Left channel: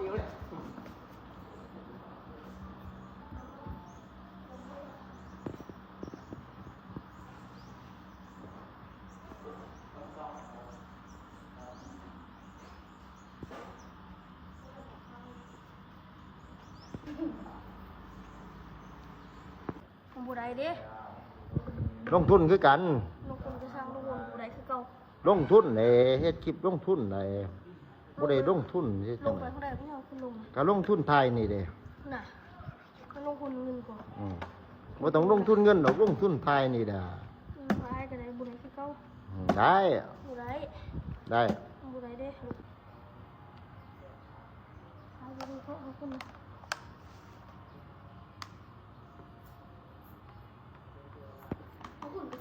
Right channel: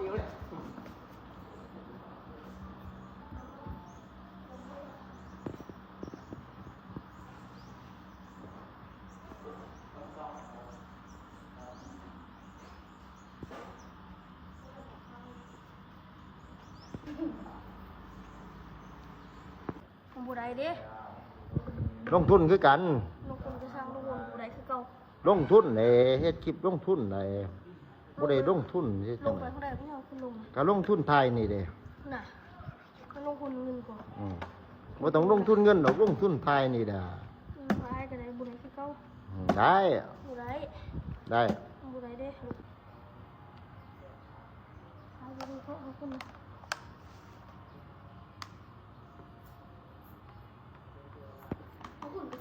บูได้เด้ลงทุนคือกันลงทุนจะสร้างลงทุนบูได้คือเก่าลงทุนเลยเฮ็ดคลิปลงทุนเลยบ่ได้ลงทุนที่จัง ลงไปเท่าไหร่ไม่เอาคุณลงก็ลงทุนไทยนี่เด้น่ะก็ลงทุนเงินกว่าบ่ต้องลงทุนเงินดอกลงทุนไทยนี่เด้อได้ก็ได้บูได้คือเก่าได้บูได้ได้บูได้เด้เอาไปดูเขาเอาคุณ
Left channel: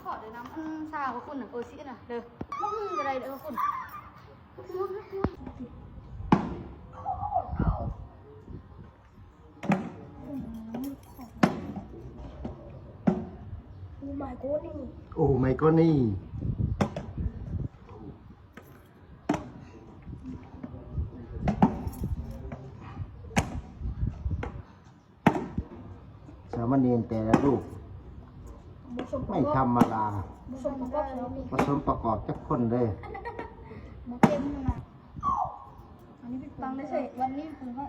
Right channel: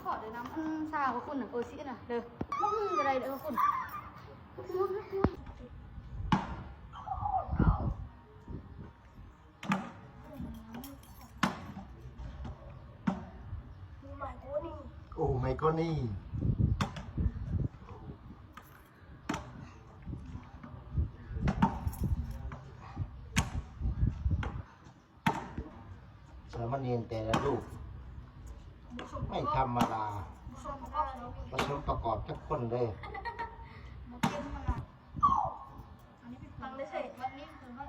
ขอเดี๋ยวน้ำอันซาของคุณน่ะสิน่ะเด้อมึงอะไรเด้อคุณโอ้ my god นี่โอ้ my god นี่สามเณรแต่ละรูปไม่ธรรมดาผสมประกอบผสมประกอบจักคนเลยมันเต็มมันน่ะอันนี้เป็นตังได้ใส่วันนี้ปืนเขา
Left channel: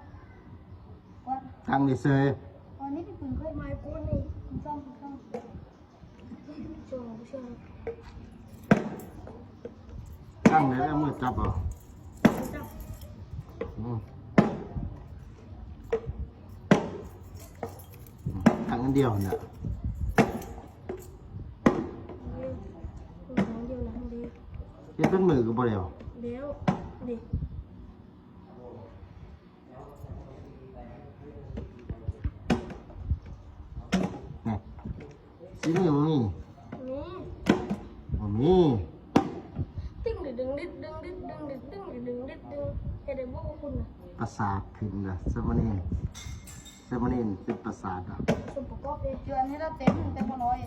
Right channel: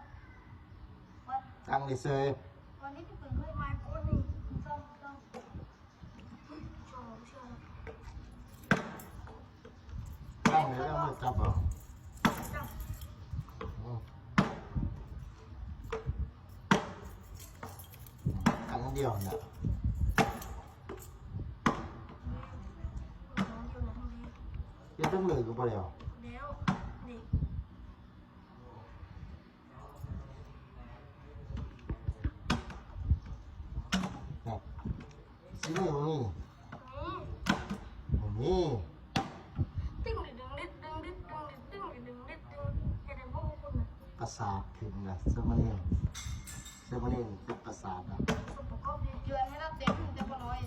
วัดทางดิเซยวันนี้เป็นปืนเขาไม่กูนี่คุณซ่อมโจ้ไม่เชื่อเลยตั้งไหนแล้วมือจับอ่ะตั้งอันเดียวน่ะเฮ็ดเป็นมือก็บ่เร็วเดี๋ยวดิสิมีบ่มีบ่มีตึ้งดิดึงดิดึงดิดึงดิดึงดิดึงดิดึงเฮ็ดได้บ่คุณน่ะประสาทขึ้นนะสามเณรเป็นประสาทอ่ะผสมประกอบเด้จวนให้เราเต็มแต่พอน้อย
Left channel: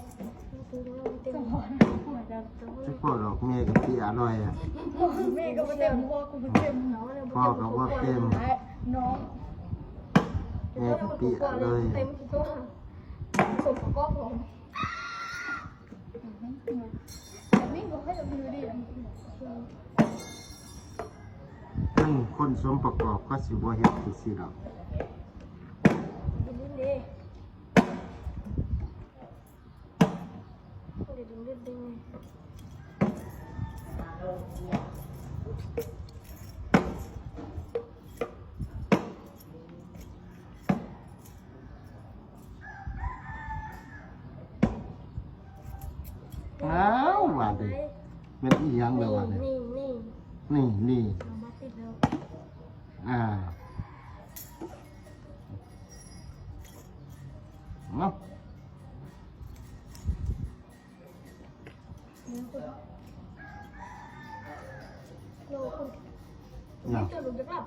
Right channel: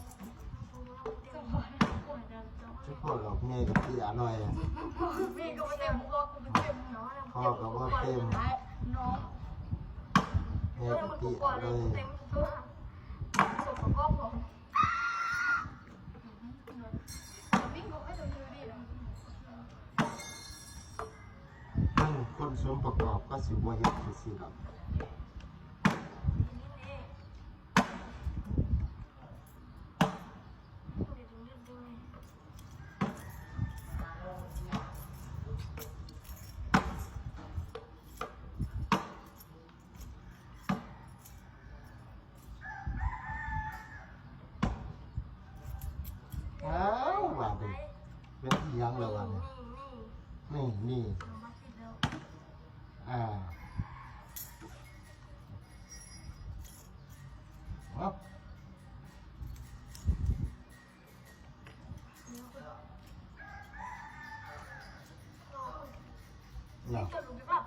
ตัวเราเต็มพอพูดจะจะพูดดอกเมียกับพี่อร่อยอ่ะแม่ก็บ่เต็มพ่อกูบ่เต็มเนาะพ่อกับว่าเต็มน้องแม่กับพี่อร่อยเต็มตัวผสมประกอบของมิ่งก็ให้เราดูดีนะคนสมประกอบก็สิบ่เฮ็ดคือสิดอกดิ้นดิดึงอ้าวว่าดิมันอีหยังเลยว่าดินี่มาติดแล้วเนาะโลคุณจะลุกจะกลับ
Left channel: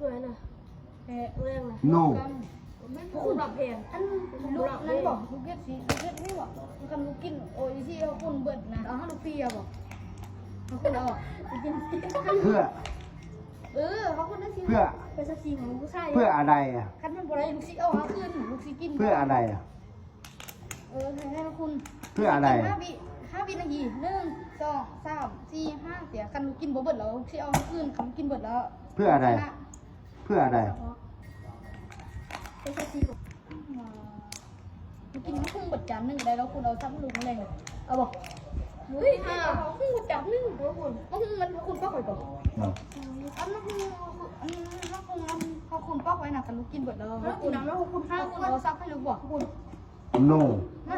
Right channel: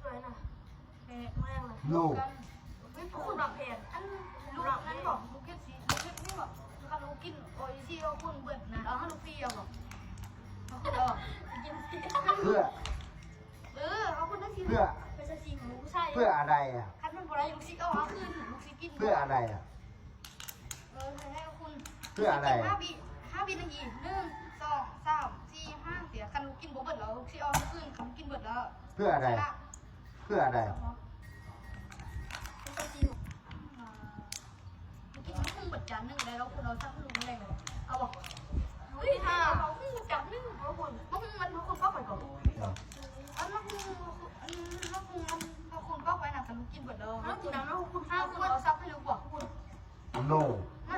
สวยนะแรงนะ โน่คุณหลับแพงอันลูกนั่นบอกลูกเก็ตสีลูกเก็ตนี่บอกคันลูกกินโอ้ยที่เขาคุณเบิดนะเอาให้ลูกฟรีอะบอกเขาคุณเอาไปกินเพื่อเขาคุณได้สิเพื่อเป็นสักสีของลูกชายเพื่ออะไรอ่ะคันมันบ่ได้ลูกซีเอาหาคืนลูกซีกินเพื่ออะไรอ่ะให้คุณเพื่ออะไร5 วินาที1 2 3 4 5เสียคันลูกกินบ่เบิดแล้วลูกซีเอาหาคืนคันกินเบิดแล้วเพื่ออะไรเพื่ออะไรเป็นสักสีลูกกินมันคงเบิดจานนึงได้แล้วคุณเอาชั้นลุงเลยเอาบอกเฮ้ยเขาขึ้นจับนึงเพราะคุณมันเพราะคุณป้อกไว้ก่อนอันนั้นคือพอคุณป้อกไว้นะกันลูกกินเบิดเลยน้ำแล้วคุณถ้าคุณเอาซับให้ลูกบอกคุณ no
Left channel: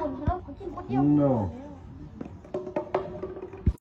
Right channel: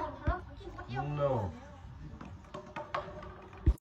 คุณแล้วเขากินคนเดียว no